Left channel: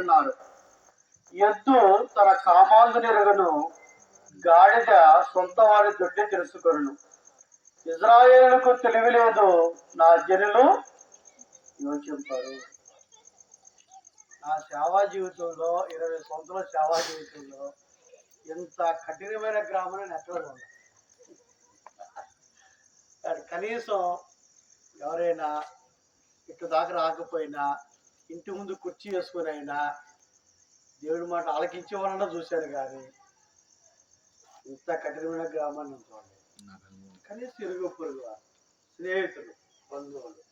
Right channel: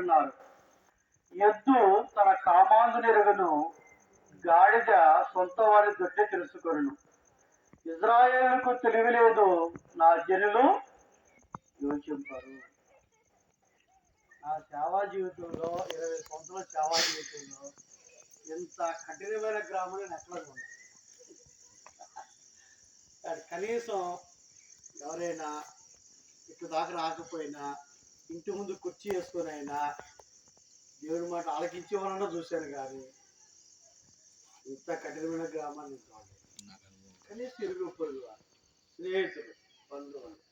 ఉన్నారు. ఎద్దు తన కామాంధునెరుగను, గాడిద సొంత వారి దొడ్డి తెలుసుకొను. ఇజ్రాయేలుకు తెలివి లేదు, నా జనులు యోచింపరు. నా సేవా జీవితంలో 20 సంవత్సరాల సేవా జీవితంలో ఎంత కఠినమైన గ్రామం నేను ఎక్కడ ఉండదు. కనీసం ఎవరైనా ఇటు దాకా రాకపోయినా ఇంటి ముందు కుర్చీ వేసుకొని అయినా దేవుడి మాట ఆలకించేవాళ్ళన్నా చూశాను, కానీ ఇంత కఠినమైన గ్రామాన్ని చూడండి. కనీసం ఇరుగు పొరుగు స్నేహితులు, బంధువులు.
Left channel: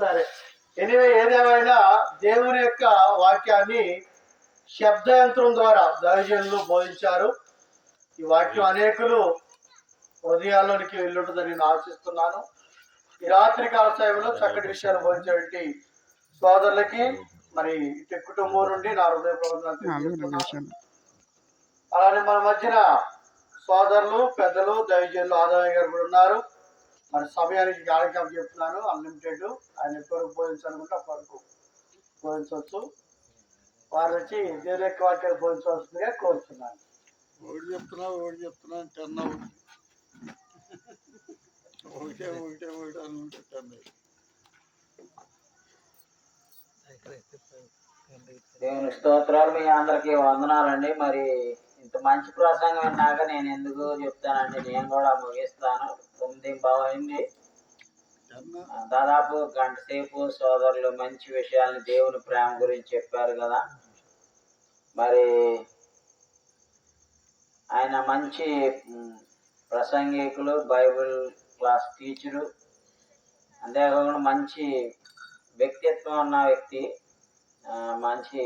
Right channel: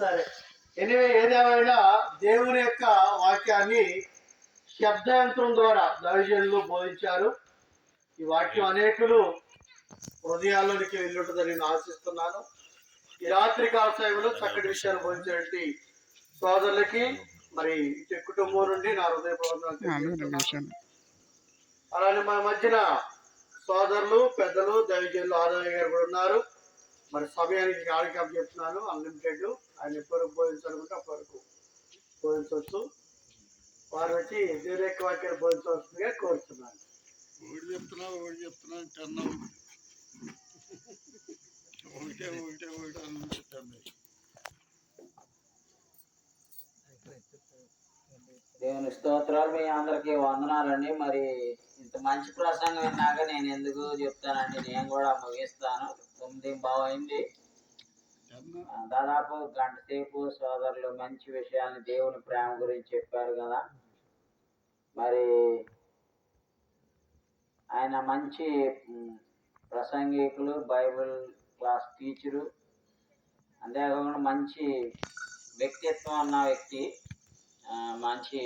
సరే, ఎనివే ఏదేమైనా దేవుని యొక్క వాక్యాన్ని శబ్దయంత్రం ద్వారా దైవజనులు బోధించారు. ఈ వాక్యం అనేకులు హృదయాల్లోనికి వెళ్ళుంటుందని నేను ఆశిస్తున్నాను. ఈ రాత్రి కాల సమయంలో చక్కటి విషయాలు బోధించేటువంటి సోదరులకి మరి ఇటు కుటుంబం నుండి నా హృదయపూర్వక. అలానే మన మధ్యన సోదరులు, పెద్దలు, దైవజనులు ఆదాయ గారు కూడా ఉన్నారు. మరి సమయానికి కార్యక్రమం చెప్తున్నాను, అన్లిమిటెడ్. ఆయన ఎప్పటివరకు బోధించాలనుకుంటే అప్పటివరకు బోధించవచ్చు. వారు వచ్చి దేవుని యొక్క వాక్యాన్ని బోధించవలసిందిగా కోరుతున్నాను. దేవుని స్తోత్రాలు. మీ అందరికీ వందనాలండి. మరి ఇంత మంచి ప్రసంగం విన్నాక నేను ఎందుకు చెప్తానండి, నేను కూడా ముగిస్తాను. 9:15 అయింది. దాదాపు గంట సేపు సోదరులు మంచి విషయాల్ని దేవుని ప్రేమ గురించి చెప్పారు కదా. మరి ఆయన మంచి ప్రసంగికులు, బైబిల్ క్లాస్ టీచరు, అంతేకాకుండా మంచి వ్యక్తిత్వం ఉన్న వ్యక్తి, మంచి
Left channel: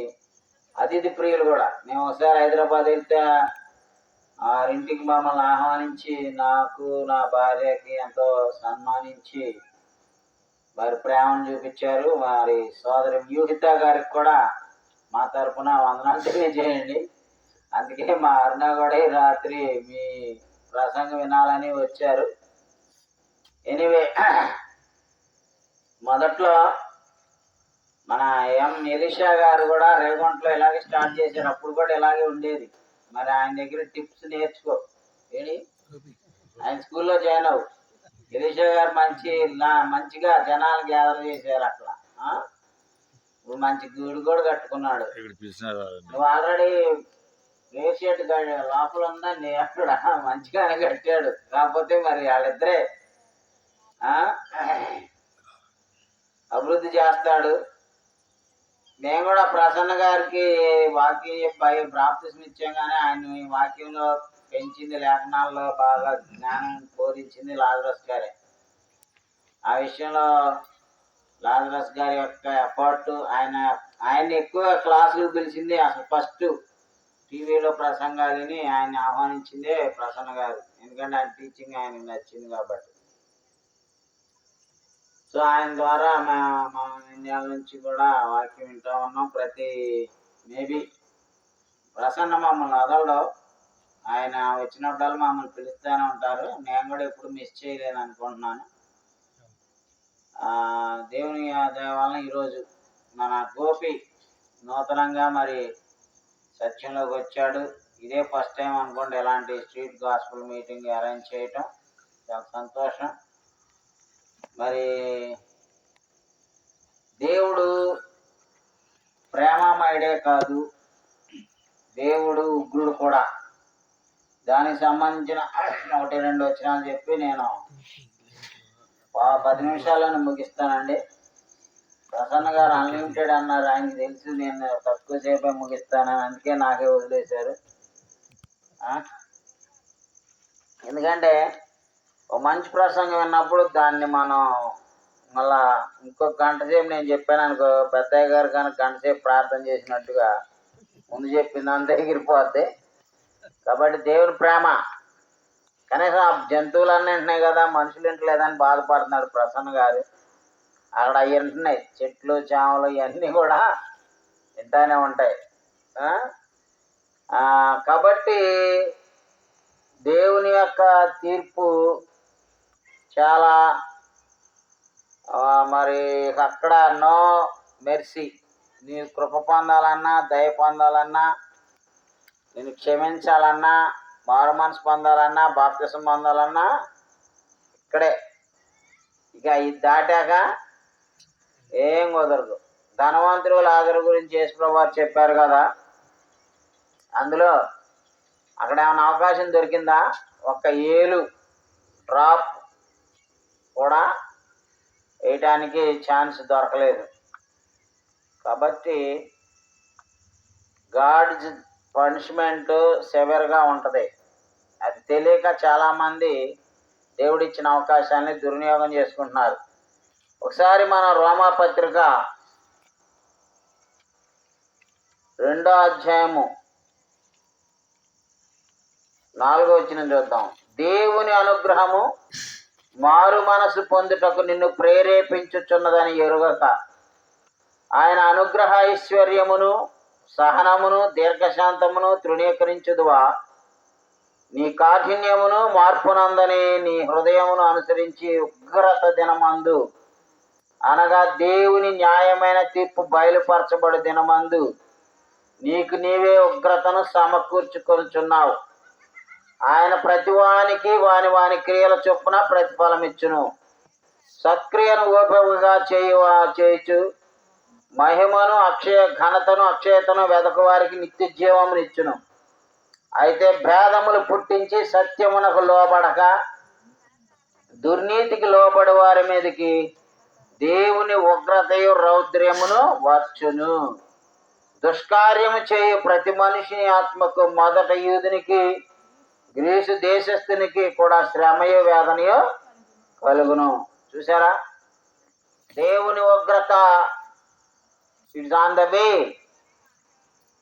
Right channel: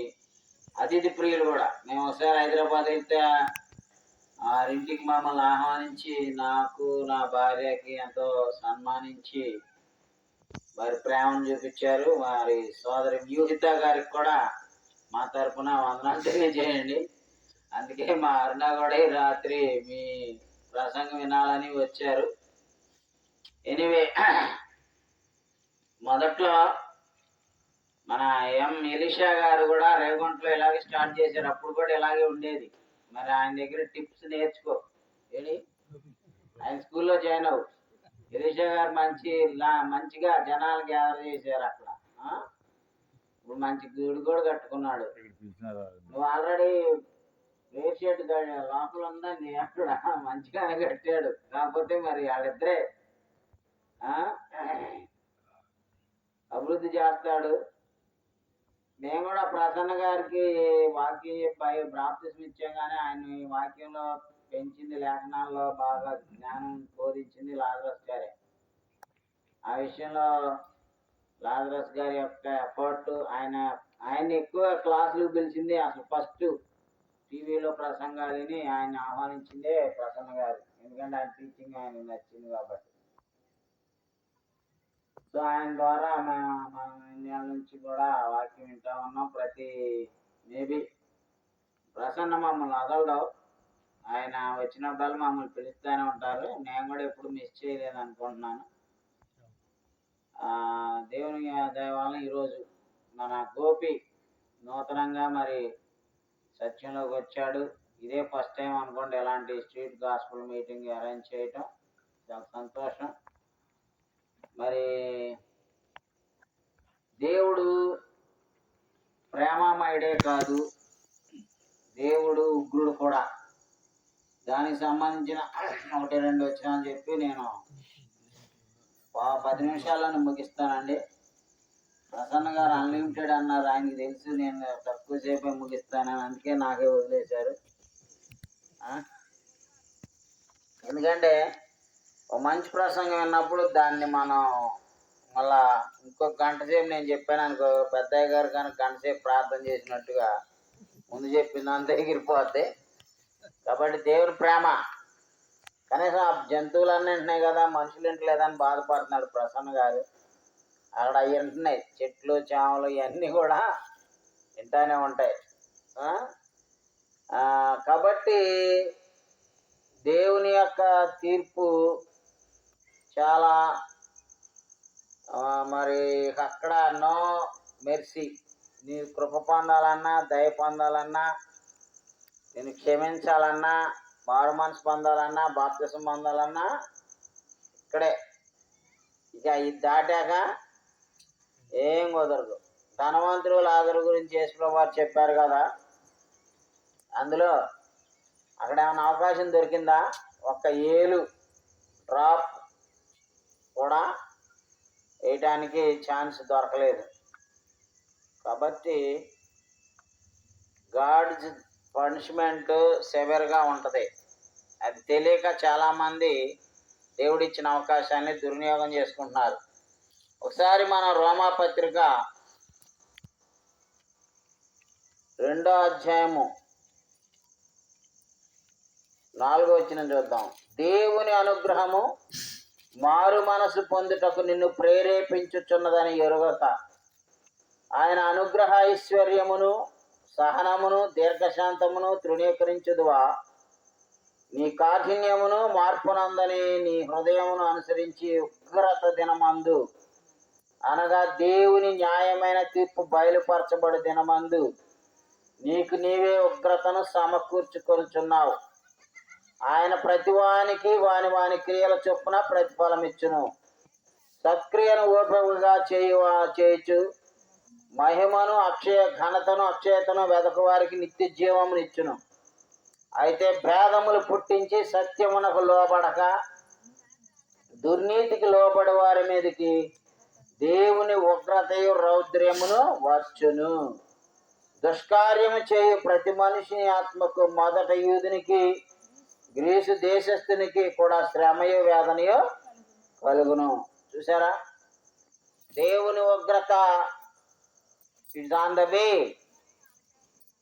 అతిథి ప్రియులు కూడా. మేము ఒకసారి హైదరాబాద్ వెళ్తే ఇంటికి మమ్మల్ని ఆహ్వానించి నాకు, నా భార్యకి ఎంతో సన్మానించి వారి ప్రేమను చూపించారు. మరి సోదరి వ్యూహిత గారికి కూడా మా తరఫున వందనాలు తెలియజేయండి. అందుకే మా అరుణ కూడా రాత్రి మీ ప్రసంగం వినాలని వచ్చారు. ఎనివే, మొదట్లో మన ఎలీషా గారు కూడా రేగొంటలో ఇలాగే స్టార్ట్ చేశారు. అప్పుడు కూడా ఇలాగే ఉండేది. మరి ఆయన దగ్గర టిప్స్ నేర్చుకో. ఆయన స్కూల్లో జాయిన్ అవ్వు. ఎలీషా గారు మంచిగా జనాలు గ్యాదర్ చేశారు అక్కడ. ఇప్పుడు మంచి గుడి కూడా కట్టుకున్నాడు. నువ్వు ఆల్రెడీ వేసేట్ లోపల ఉందండి అక్కడ, మంచిగానే కట్టాడు. కాకపోతే మరి వాళ్ళిద్దరే అభివృద్ధి చేస్తాడు. మేము కూడా ప్రసన్న గారికి వాక్యం చెప్పి బాప్తిస్మం ఇచ్చాం, కానీ ఆయన వాక్యంలో పెంచింది, లేఖనాల్లో బాగా జ్ఞానం బోధించింది లాజరస్ గారే. ఆ విషయంలో లాజరస్ గారి యొక్క ఎఫర్ట్, ఆయన ఎక్కువ క్లాసులు పిలిచింది. అసలు ఫస్ట్ టీవీలో ప్రసంగాలని ఆయన ఆహ్వానించిందే ప్రసన్న గారు. ఎందుకంటే ఆయన టీచింగ్ ఆయనకు నచ్చింది కాబట్టి. సో ఆయన ద్వారా మా ఇండియా నుంచి కూడా వాక్యం వింటూ ఉన్నాం. మేబీ ప్రసన్న మమ్మల్ని వదలడు. ఆయన వచ్చినప్పుడల్లా మమ్మల్ని పిలుస్తూనే ఉంటారు. నేను కూడా ఎప్పుడు మిస్ చేయలేదు అనుకుంటున్నాను. దేవుని దయ వలన ఈరోజు మన గోపి నూతనంగా మరి సత్యంలోకి వచ్చాడు. ఇదే ఫస్ట్ టైం అనుకోండి ఎలాంటి స్ట్రీట్ గాస్పుల్ మీటింగ్ అరేంజ్ చేయటం. చాలా సంతోషం. మరి దేవుడు ప్రేమమయుడే కాదు, దేవుడు ఉగ్రుడు కూడా. దానికి సంబంధించిన 1-2 వచనాలు చెప్పి నేను 10 నిమిషాలను ముగిస్తానండి. ప్రసన్న గారు అన్లిమిటెడ్ అన్నారు. ఆయనకి తెలుసు నేను తక్కువ సేపే ముగిస్తానని, అందుకే నాకే వదిలేశారు. ఎందుకంటే ఒక మంచి ప్రసంగం విన్నప్పుడు దాన్ని మనం మళ్ళా ఇంకొక గంట సేపు నేను చెప్పాను అనుకో, పెద్దయ్య గారు కానీ గంట సేపు ప్రార్థన చేసినట్టుగా ముందు చెప్పింది అంతా ఎగిరిపోద్ది. కాబట్టి దేవుని ప్రేమ, కనీసం ఆ జంతువులన్నీ వింటున్నాయి కదా, మనుషులు వింటలేదని బాధపడుతున్నాడు ప్రసన్న గారు. అక్కడ అవి వింటున్నాయి, చెట్లు, చేమలు ఇవన్నీ కూడా వింటానే ఉంటాయి. కాబట్టి దేవుని యొక్క తీర్పు చాలా మరి అక్కడ నో మెర్సీ. నీ కృప పొందాలన్నా, దయ పొందాలన్నా, నేను క్షమించాలన్నా, మారు మనసు పొందాలన్నా, బాప్తిసం పొందాలన్నా ఇక్కడే. ఇక ఇది దాటాక ఏం కుదరదు. ధనవంతుడు లాజరు గురించి యేసుప్రభువు వారు చెప్పారు కదా, అందులో అక్కడ ఏమైనా అవకాశం దొరికిందా? ఒక్క ఏలు డ్రాప్ కూడా వేయటానికి ఛాన్స్ దొరకలేదు. కాబట్టి గాడ్స్ పనిష్మెంట్ సెవెర్గా ఉంటుంది. అది తెలియక చాలామంది దేవుడిచ్చిన అవకాశాన్ని దుర్వినియోగం చేసుకుంటున్నారు. ఒకసారి మనం రోమాపత్రిక 2వ అధ్యాయము 4వ వచనం చూద్దాం. దేవుని అనుగ్రహము మారు మనసు పొందుటకు నిన్ను ప్రేరేపించుచున్నదని ఎరుగక, ఆయన అనుగ్రహ ఐశ్వర్యమును, సహనమును, దీర్ఘశాంతమును తృణీకరించుదువా? నీ కాఠిన్యమును మార్పునందని నీ హృదయమును అనుసరించి ఉగ్రత దినమందు, అనగా దేవుని న్యాయమైన తీర్పు బయలుపరచబడు దినమందు నీకు నీవే ఉగ్రతను సమకూర్చుకొనుచున్నావు. ఆయన ప్రతివానికి వాని వాని క్రియల చొప్పున ప్రతిఫలం ఇచ్చును. సత్క్రియను ఓపికగా చేయుచు మహిమను ఘనతను అక్షయతను వెదకు వారికి నిత్య జీవమునిచ్చును. అయితే భేదములు పుట్టించి సత్యమునకు లోబడక దుర్నీతికి లోబడి వారి మీదకి దేవుని ఉగ్రతయు రౌద్ర్యమును వచ్చును. దుష్కార్యము చేయు ప్రతి మనిషిని ఆత్మకు మొదట యూదునికి గ్రీసు దేశస్థునికి కూడా శ్రమయో వేదనయో కలుగును. చూసారా, దేవుని ఉగ్రత ఇట్స్ ఆన్ ద వే.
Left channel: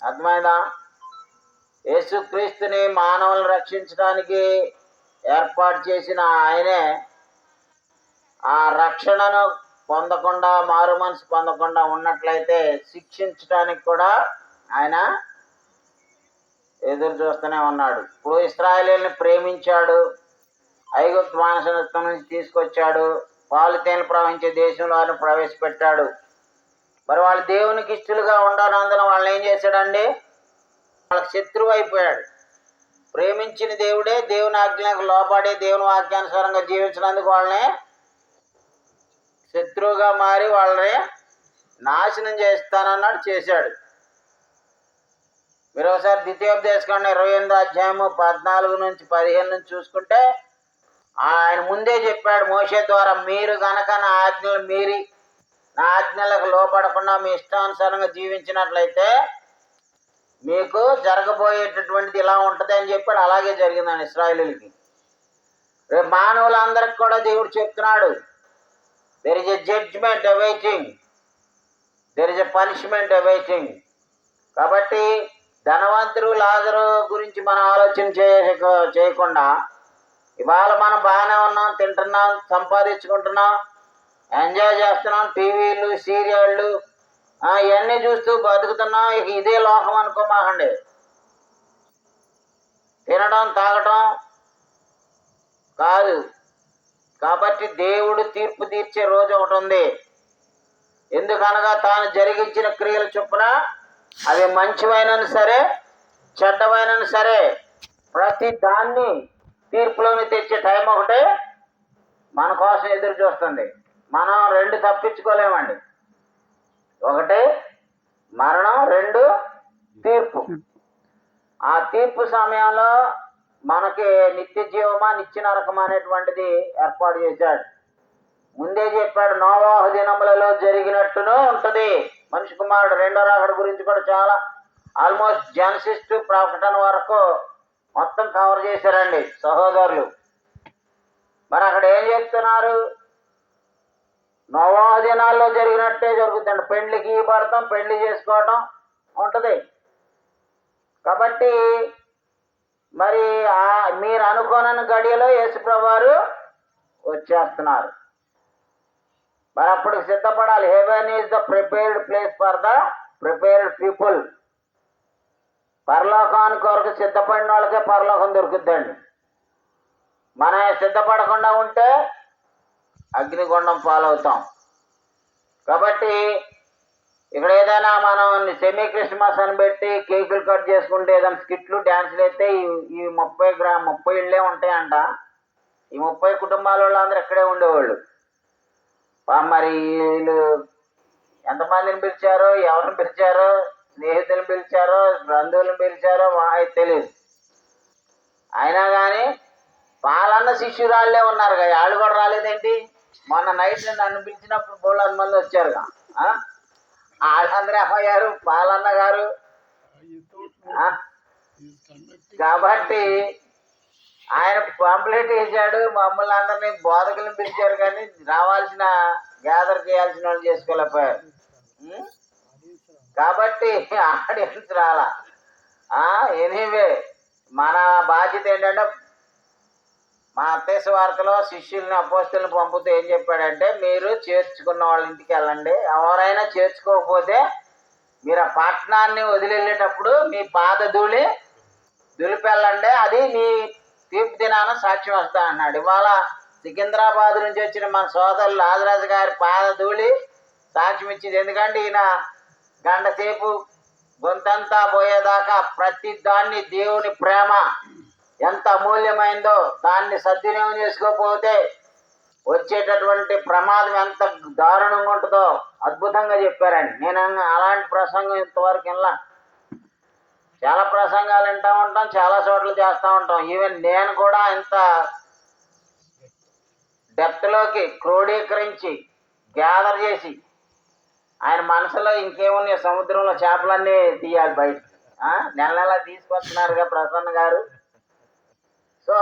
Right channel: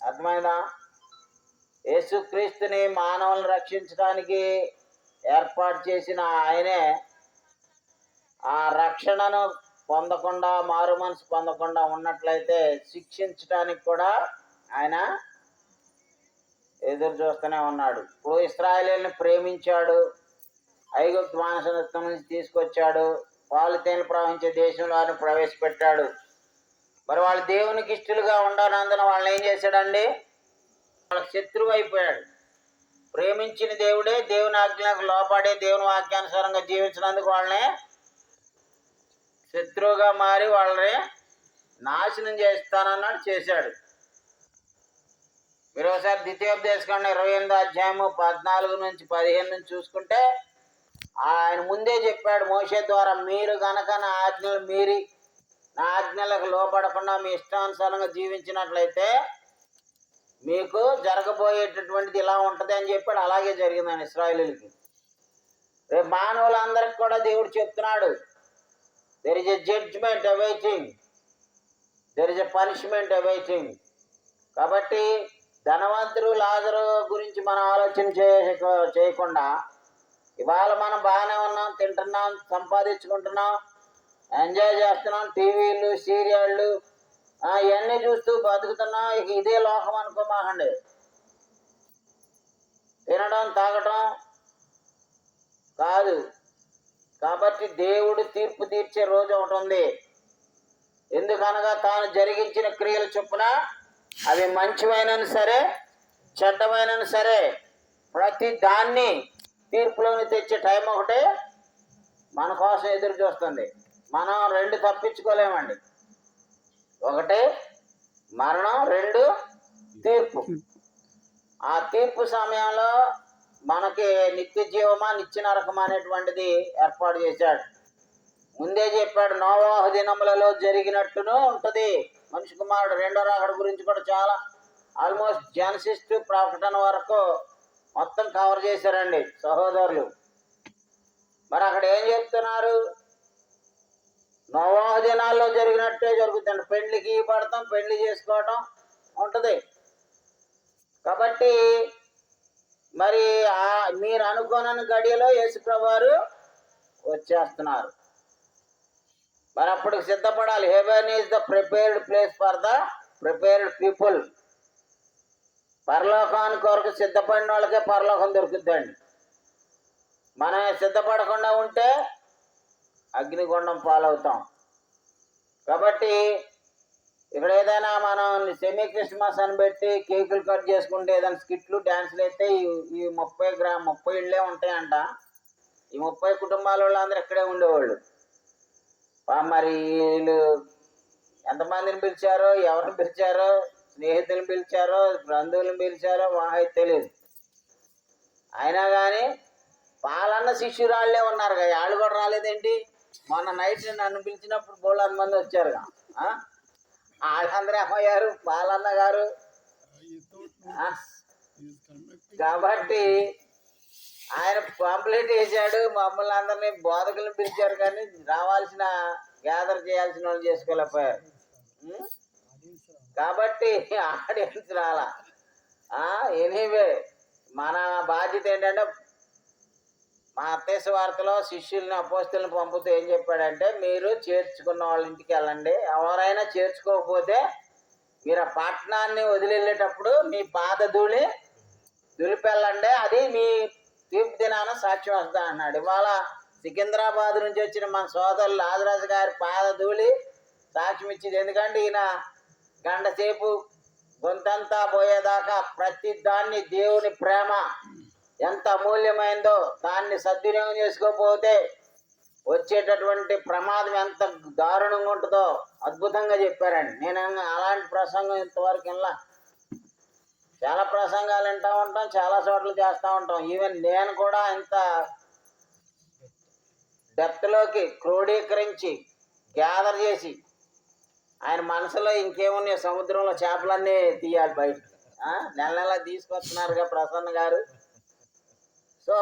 అర్థమైందా? యేసుక్రీస్తుని మానవులను రక్షించడానికి ఏర్పాటు చేసిన ఆయనే ఆ రక్షణను పొందకుండా, మారు మనసు పొందకుండా ఉన్నట్లయితే శిక్షించడానికి కూడా ఆయన ఎదురు చూస్తూనే ఉన్నాడు. ఇప్పుడు ఇశ్రాయేలుని ప్రేమించాడు, ఐగుప్తు బానిసత్వం నుంచి తీసుకొచ్చాడు, పాలు తేనెలు ప్రవహించే దేశంలో ఆయన ప్రవేశపెట్టాడు. మరి వాళ్ళు దేవునికి ఇష్టలుగా ఉండనందున వాళ్ళని ఏం చేశాడండి? వాళ్ళకి శత్రువు అయిపోయాడు. ప్రేమించిన దేవుడే దేవుని ఆజ్ఞలకు లోబడి దేవుని వాక్యానుసారంగా జీవించినందుకు వాళ్ళని శత్రువుగా మారి వాళ్ళని నాశనం చేస్తానన్నాడు, చేశాడు. మీరు ఒకసారి ద్వితీయోపదేశకాండం 28వ అధ్యాయము 14 నుంచి 15 నుంచి చూసుకుంటే ఆయన ముందే చెప్పాడు మోషే ద్వారా, మీరు గనక నా ఆజ్ఞలు మీరి నా ఆజ్ఞలకు లోపడకుండా మీ ఇష్టానుసారంగా జీవించినట్లయితే మీకు జరగబోయేటటువంటిది ఇలా ఉంటుంది అని చెప్పాడు. అలాగే జరిగిందండి ఇశ్రాయేలులకి. రేపు మానవులందరికి కూడా దేవుడు చెప్తున్నాడు, there is a judgment awaiting, there is a punishment awaiting. కాబట్టి ధనవంతుడు లాజరు గురించి మనం ఆలోచన చేయకుండా ఇవాళ మనం బాగానే ఉన్నాం, తింటున్నాం, సంపాదించుకుంటున్నాం, ఎంజాయ్ చేస్తున్నాం, టీవీలు సీరియళ్ళు ఇవన్నీ చూస్తూ బతుకుతున్నాం. ఇక ఇదే లోకం అనుకోమాకండి. తినడం తాగటం కాదు. కాబట్టి దేవుడు తీర్పు తీర్చే రోజు ఒకటి ఉంది. ఎందుకనగా తాను జరిగించిన క్రియల చొప్పున అవి మంచివైనను సరే చెడ్డమైనను సరే ప్రతి దాన్ని తీర్పులోని తెచ్చే టైం ఒకటే మన కోసం ఎదురు చూస్తుంది. మనం 2 తప్పించుకోలేమండి. 1 మరణం, 2 తీర్పు. ఆ తీర్పు సమయంలో మనకి నిత్య జీవమా నిత్య నరకమా అనేటువంటిది ఏర్పాటు చేశాడు. ముందే చెప్పాడు, నోవాహు దినములలో జరిగినట్టును ఉంటుంది. మనిషి కుమారుడు 2వ రాకడ గురించి కూడా చాలా ఆల్మోస్ట్ జెనసిస్ టు ప్రకటన వరకు మొత్తం కవర్ చేశారండి సహోదరులు. మరి అక్కడ ఏం చెప్తున్నారు? నోవాహు దినాల్లో జరిగినట్టే జరుగుతుంది. పెండ్లికి ఇవ్వబడతాం, పెండ్లి చేసుకోవటం ఉంటుంది. కాబట్టి మరి మీరు అనుకోనని గడియలో యేసుప్రభువు వారు వచ్చేస్తున్నారు. మరి అప్పుడు సిద్ధపడాలి. Heaven is the prepared place for the prepared people. పరలోకానికి కొరకు సిద్ధపడిన వాళ్ళకే పరలోకం దొరుకుద్దండి. మనం సిద్ధపడకుండా ఉంటే అగ్నిగుండం పాలవుతాం. కాబట్టి ఇక్కడ ఏదైనా మనం సెమీ క్రిస్మస్ అని పెట్టి కేకులు కట్ చేసుకుంటే ఏదైనా స్కిట్లు డ్యాన్సులు అయితే ఈ 30 ఇళ్ళే ఉంటాయంట. ఈ 30 కుటుంబాల వాళ్ళు అందరూ ఇక్కడే ఉండేవాళ్ళు. మరి వీళ్ళు ఎంతమందిని పిలిచారో, ఎవరిని పిలిచారో, స్నేహితులను పిలిచారో, బంధువులను పిలిచారో మాకు తెలియదు. అయినా కానీ వాళ్ళన్న శిష్యురాళ్ళే ఉన్నారు కదా, వాళ్ళు కూడా రాలేదేంటి? మొన్న నైట్ నన్ను పిలిచినప్పుడు 300 మంది వచ్చారుగా. వాళ్ళందరూ ఏమయ్యారు? పాలన్న గారు. కాబట్టి ఆయన పాంప్లెట్ వేసాడు, మమ్మల్ని అందరినీ బోధకులను పిలిచారు, కానీ రావాల్సిన గ్యాదర్ చేయాల్సిన వాళ్ళు చేసుకోలేకపోయారు. కాబట్టి ఆడియన్స్ రాలా. ఎనీవే మన బాధ్యత ఏంటంటే, మా అత్తయ్య వార్తలో శిష్యుల్ని అపోస్తుల్ని పంపుతూ ఏం చెప్పాడంటే, మీరు చేర్చుకున్న వాళ్ళ ఇంటికి వెళ్ళండి, ఎవరైనా చేర్చుకోకపోతే మీరు ఆ పట్టణాన్ని వదిలివెళ్ళేటప్పుడు మీ పాద ధూళి దులిపెళ్ళండి, అది మీ తీర్పు దినాన సాక్ష్యం వస్తా అన్నాడు. ఇవాళ సికింద్రాబాద్ నుంచి వచ్చిన మన సోదరులు రాజరాజు గారి పాద ధూళి సాక్ష్యం ఇచ్చింది. ఎందుకంటే ఈయన గంట సేపు గొంతంతా పోయేదాకా ప్రతి దాన్ని దేవుని ప్రేమ ఎంత అమూల్యమైందో దాన్ని సద్వినియోగం చేసుకోకపోతే వచ్చేటటువంటి ప్రమాదం ఎంత దారుణంగా ఉంటుందో అద్భుతంగా చెప్పారండి. నేను అలాంటి ప్రసంగం ఇంతవరకు ఇలా చాలా ప్రసంగాలు వింటూ ఉంటాం, చాలా చోట్ల చేస్తూ ఉంటాం. ఈవెన్ నేను కూడా ఇంత డెప్త్లోకి క్రోడీకరించి గ్యాదర్ చేసి ఆయన మనసులో ఇంకేమున్నాయి, సముద్రంలో చేపలన్నీ తీయాలి బయటికి. నెల నెల తీసుకొస్తున్నారుగా ప్రసన్న గారు. సో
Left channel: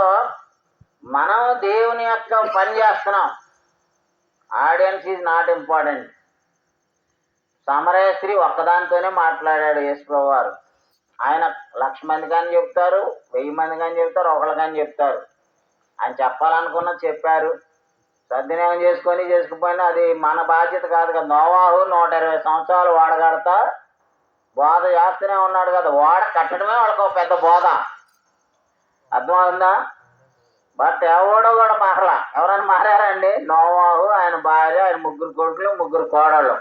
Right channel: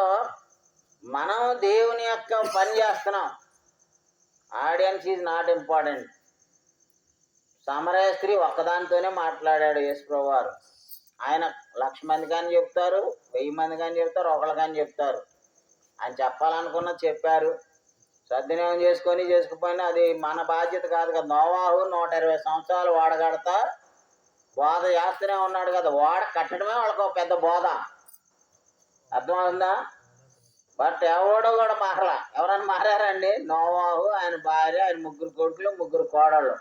మనం దేవుని యొక్క పని చేస్తున్నాం. Audience is not important. సమరయ స్త్రీ ఒక్కదానితోనే మాట్లాడాడు యేసుప్రభువు వారు. ఆయన 1,00,000 మంది కానీ చెప్తారు, 1000 మంది కానీ చెప్తారు, ఒకళ్ళు కానీ చెప్తారు. ఆయన చెప్పాలనుకున్నది చెప్పారు. సద్వినియోగం చేసుకుపోయినా అది మన బాధ్యత కాదు కదా. నోవాహు 120 సంవత్సరాలు వాడగడతా బోధ చేస్తూనే ఉన్నాడు కదా. వాడ కట్టడమే వాళ్ళకి ఒక పెద్ద బోధ. అర్థమవుతుందా? బట్ ఎవడో కూడా మారలా. ఎవరైనా మారారండి? నోవాహు, ఆయన భార్య, ఆయన 3 కొడుకులు, 3 కోడళ్ళు.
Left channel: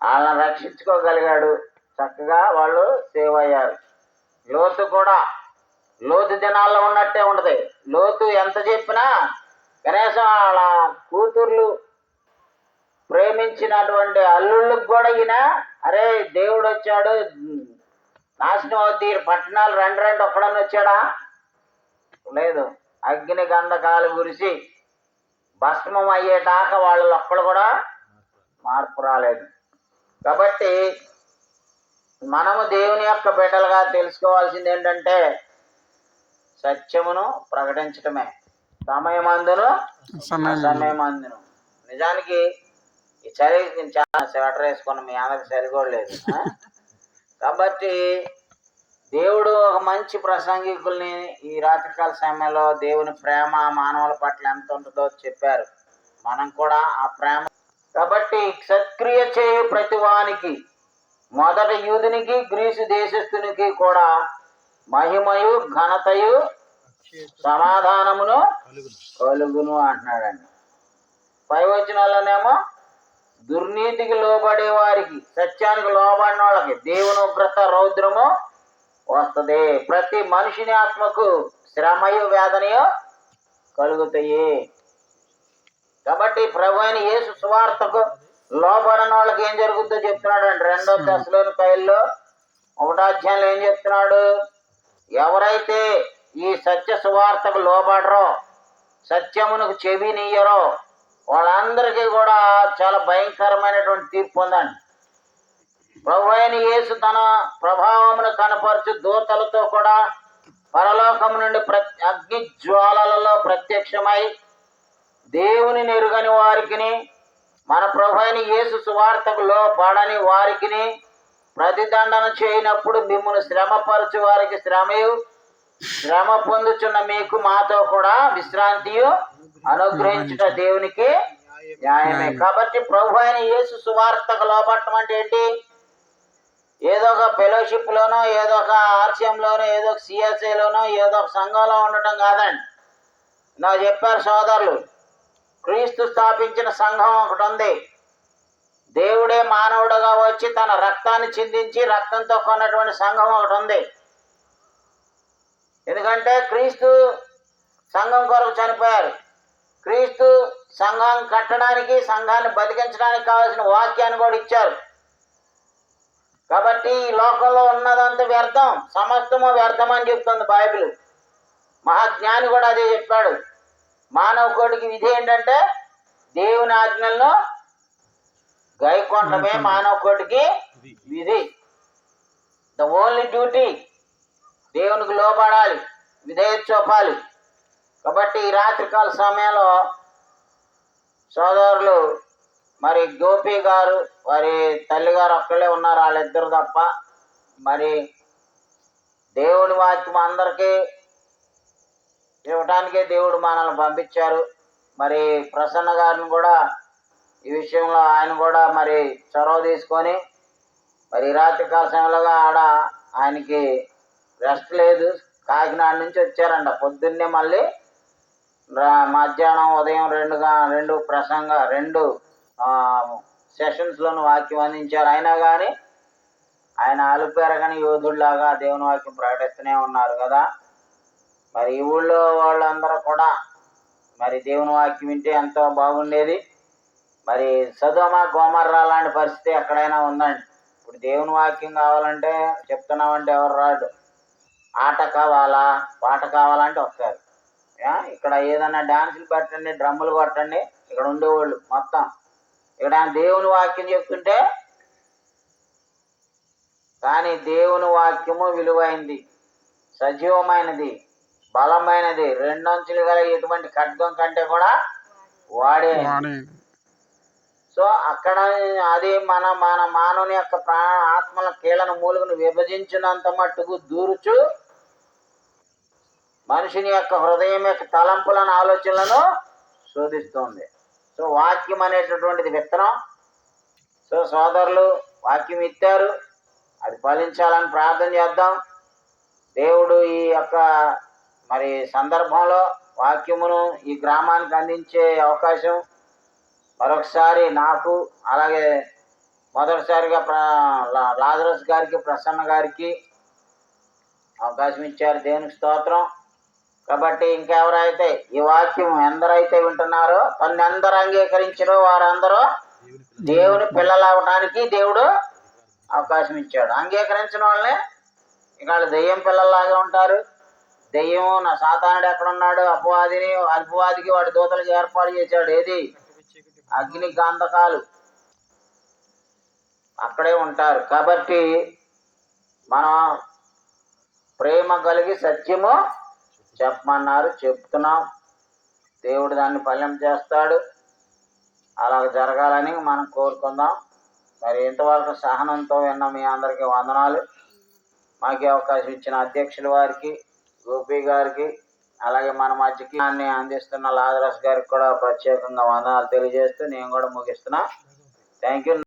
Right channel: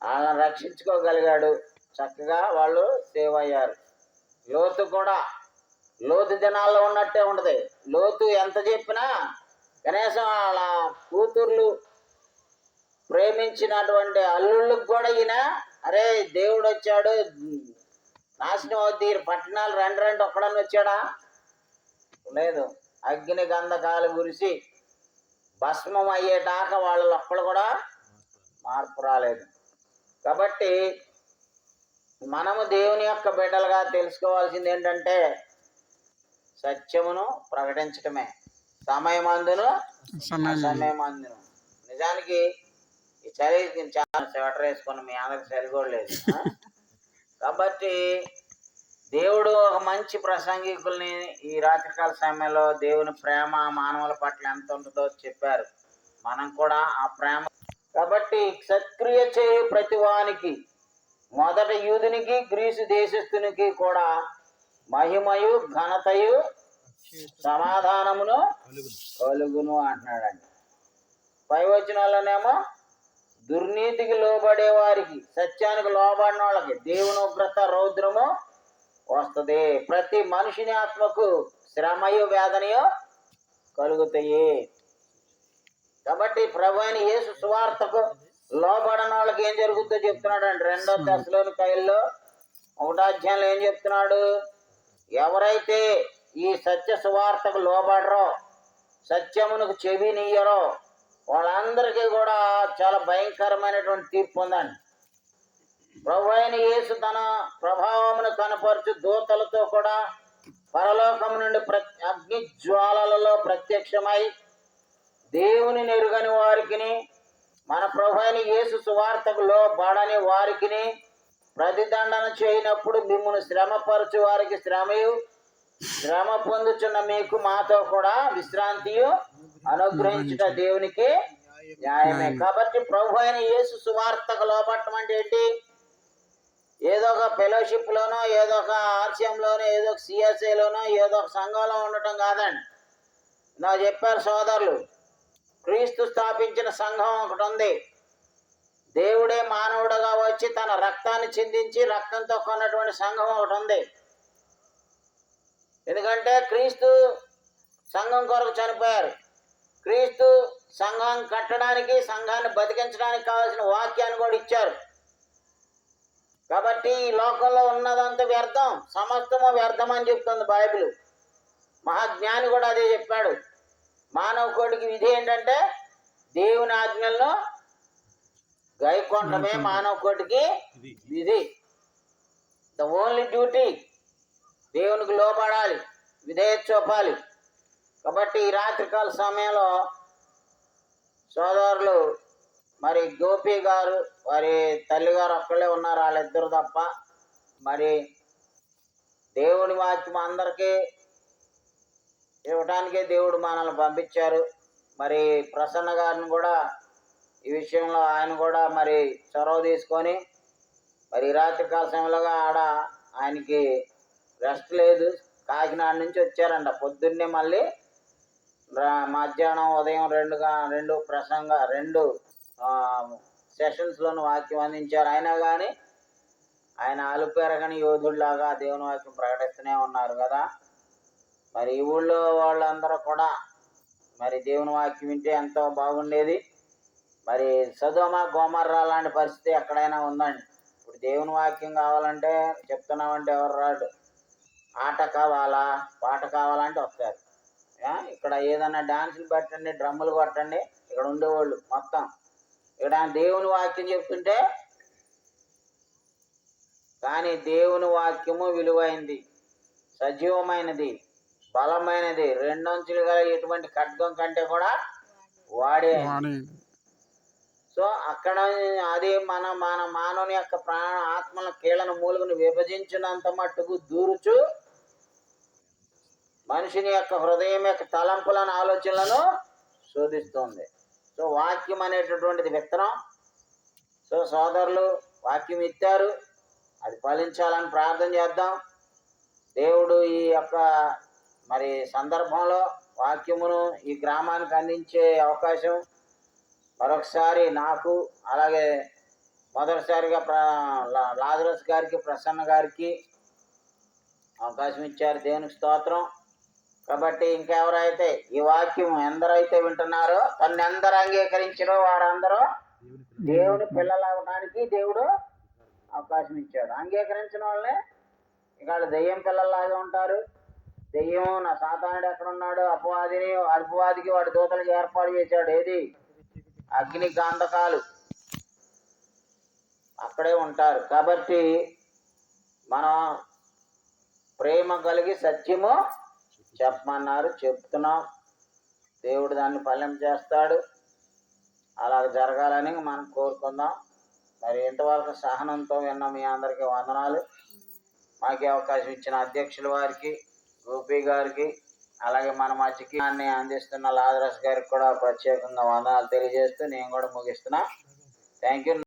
వాళ్ళని రక్షించుకోగలిగాడు. చక్కగా వాళ్ళు సేవ్ అయ్యారు. లోతు కూడా లోతు దినాల్లో ఉన్నట్టే ఉంటుంది. లోతు ఎంత చెప్పినా కనీసం వాళ్ళ కూతుర్లు ప్రేమించినటువంటి అల్లుళ్ళకి కూడా ఈయన అరే దేవుడు వచ్చాడు, నాశనం అవుద్ది, పట్టణాలు రండి ఒక్కడని వచ్చాడా? లేదు. అగ్ని గంధకాలు గురిసి భస్మం అయ్యేదాకా వాళ్ళు ఒక్కడు కూడా మార్పు రాలేదు. కాబట్టి మనము దేవుని యొక్క బిడ్డలుగా తెలుసుకోవాల్సింది ఏంటంటే సత్యమును ప్రకటించటమే. సమయమందును అసమయమందును. నిజానికి ఈ చలి నేను చాలా స్వెటర్ వేసుకుని మీ అందరికి చలి కూడా లేదు. కాబట్టి దేవుడు ఒక మంచి ప్రసంగికుల్ని ఈ రాత్రికాల సమయంలో దేవుని ప్రేమ మానవుల పట్ల ఎంత ఉంటుందో చెప్పారు. మనం కూడా ఆ ప్రేమ కాబట్టి సత్క్రియ చేయు ప్రతివానికి, మొదట యూదునికి గ్రీసు దేశస్థునికి కూడా మహిమయు ఘనతయు సమాధానమును కలుగును అంటున్నాడండి. 5వ వచనాల్లోనేమో దుర్నీతికి లోబడే వారికి, సత్యానికి లోబడిన వాళ్ళకి దేవుని ఉగ్రత రౌద్రము వస్తుంది. ప్రతి మనిషిని ఆత్మకు శ్రమయు వేదనయు కలుగుతాయి. కాబట్టి ప్రభువైన యేసు సువార్తకు లోబడిన వాళ్ళకి ఏం జరుగుతుందో చెప్తున్నాడు అండి. 2వ తెస్సలోనికైల్లో 1వ అధ్యాయంలో ఏం చెప్తున్నాడు? ఎవరైతే ఈ సత్య సువార్తకు లోబడరో, సత్యమునకు చెవినియ్యరో వాళ్ళందరికీ కూడా చాలా భయంకరమైనటువంటి తీర్పు ఉందండి. ప్రభువైన యేసు తన ప్రభావమును కనపరచు దూతలతో కూడా పరలోకం నుండి అగ్ని జ్వాలలలో ప్రత్యక్షమై దేవుని ఎరుగని వారికిని, మన ప్రభువైన యేసు సువార్తకు లోబడని వారికిని ప్రతిదండన చేయనప్పుడు మిమ్మును శ్రమపరచు వారికి శ్రమయు, శ్రమ పొందుచున్న మీకు మాతో కూడా విశ్రాంతియు అనుగ్రహించుట దేవునికి న్యాయమే. కాబట్టి ప్రభువైన యేసు సువార్తకు లోబడటం అంటే ఏంటి? ఏదో ఒక ఫెలోషిప్ లోనో, ఏదో ఒక ఆర్సిఎంలోనో, ఏదో ఒక సిఎస్ఐలోనో, ఏదో ఒక సంఘంలో ఉండటం కాదండి. నాకు చెప్పారు సోదరులు, క్రీస్తు స్థాపించిన సంఘం ఒకటి ఉంది. దేవుడే మానవుడుగా వచ్చి తన రక్తాన్ని చిందించి రక్తంతో కొన్నటువంటి సంఘం ఒకటి ఉంది. ఎందుకంటే క్రీస్తు సంఘం కొరకు చనిపోయారు. క్రీస్తు సంఘాన్ని కట్టడానికి, సంఘాన్ని బతికించడానికి కావాల్సిన వాక్యాన్ని కూడా ఇచ్చారు. కాబట్టి ఈ లోకంలో ఉన్నదంతా వ్యర్థం, సమస్తము వ్యర్థం అని చెప్తుంది బైబిల్. మహాజ్ఞాని కూడా అదే చెప్పాడు. మానవ కోటికి విధి ఏంటంటే దేవుని ఆజ్ఞలను గైకొనడమే మానవ కోటికి విధి. ద ఓన్లీ డ్యూటీ దేవునికి లోబడాలి, విధేయత చూపాలి. కాబట్టి ఈ రాత్రికాల సమయంలో సోదరులు మరి గోపి గారు, వారి తల్లిగారు ఒక్కళ్ళే ఉన్నారు, వాళ్ళిద్దరు తప్ప. మరి దేవుడి వాక్యం అందరికీ ఇవ్వటానికే దేవుడు మనల్ని పంపించారు. మరి ప్రసన్న గారిని కూడా ఈ విషయంలో ఆయన కూడా మరి చొరవ తీసుకొని మరి రాత్రికాల సమయంలో ఆడ ఆయనకి రెస్ట్ లేదు. కాకినాడ నుంచి వచ్చారంట. పొద్దున్నే మళ్ళీ మధ్యాహ్నం ఉదయం రెండు సెషన్స్లోనూ వాక్యం అందించారు. అయినా కానీ ఆయన అలుపెరగని యోధుడిలాగా దేవుని వాక్యం ప్రకటిస్తూనే ఉన్నారు కదా. మరి ఈ ఊళ్ళో వాళ్ళందరూ కూడా మరి దేవుని వాక్యం వింటే ఎంతో బాగుండేది. మరి సదోమ గోమర్రా లాంటి పరిస్థితి ఎక్కడైనా ఉందండి. ఇప్పుడు దేవుని వాక్యం కావాలంటే చెప్తున్నామంటే ఎవరు రాడు. ఆట కావాలా, పాట కావాలంటే వస్తారు. ఇక్కడ ఏదన్నా డాన్సులు పెట్టండి, డ్రమ్ములు కొట్టండి, ఇక్కడ ఉండేవాళ్ళు మొత్తం. ఇక్కడ దేవుని వాక్యం చెప్తుంటే, కానీ దేవుని వాక్యము విలువైంది, సజీవమైనది, బలమైనది, రెండంచులు గల ఎటువంటి ఖడ్గం కంటే కూడా వాడే. సో అక్కడ అది మన మానవుని యొక్క ప్రాణ ఆత్మల కీళ్ళను మూలుగును విభజించినంత మట్టుకు దూరుచు మనిషిని యొక్క హృదయం యొక్క తలంపులను, ఆలోచనలను శోధిస్తుంది. సో వాక్యం అనేటటువంటిది విత్తనం. సో సోదరులు వాక్యం ఇచ్చారు, అది ఫలించాలని ప్రార్థన చేద్దాం. దేవుడు ఈ యొక్క మరి సందర్భంలో వాక్యమును ఈ గ్రామానికి అందించే అవకాశం మరొకసారి నాకు, అలాగే మొదటిసారిగా లాజరస్ గారికి, ప్రసన్న గారికి అవకాశం ఇచ్చారు. దేవునికి స్తోత్రం. కాబట్టి ఇంకెవరైతే ఈ వాక్యం ఎందరైతే వింటున్నారో, తను ఎందరు అంగీకరించారో వారందరూ దేవుని పిల్లలు అవడానికి దేవుడు అవకాశం ఇచ్చాడు. అంగీకరించిన వాళ్ళని ఇక వాళ్ళు దెయ్యం పిల్లల్లాగా ఉంటారు. దెయ్యం నా సాతానుడు ఎక్కడున్నాడు, అపవాదికి వాడి దూతలకు ఏర్పాటు చేశాడు. ఏది? అగ్ని గంధకాలు అక్కడే ఉంటారు. కాబట్టి మనం ప్రేమ కలిగి సత్యము చెప్పమన్నారు, చెప్తున్నాం. దేవుడు దాన్ని ఫలం చేస్తాడు. అలా జరగాలని మనం కోరుకుందాం. మరి ఇంతవరకు సహనంతో విన్న మీ అందరికీ వందనాలు. మాకు అవకాశం ఇచ్చిన అధ్యక్షుల వారికి, గోపి గారికి, అలాగే మన మధ్యకి అందిస్తున్న లాజరస్ గారికి కూడా ప్రత్యేకంగా వందనాలు తెలియజేస్తూ నేను కూడా ముగిస్తున్నా. Thank you.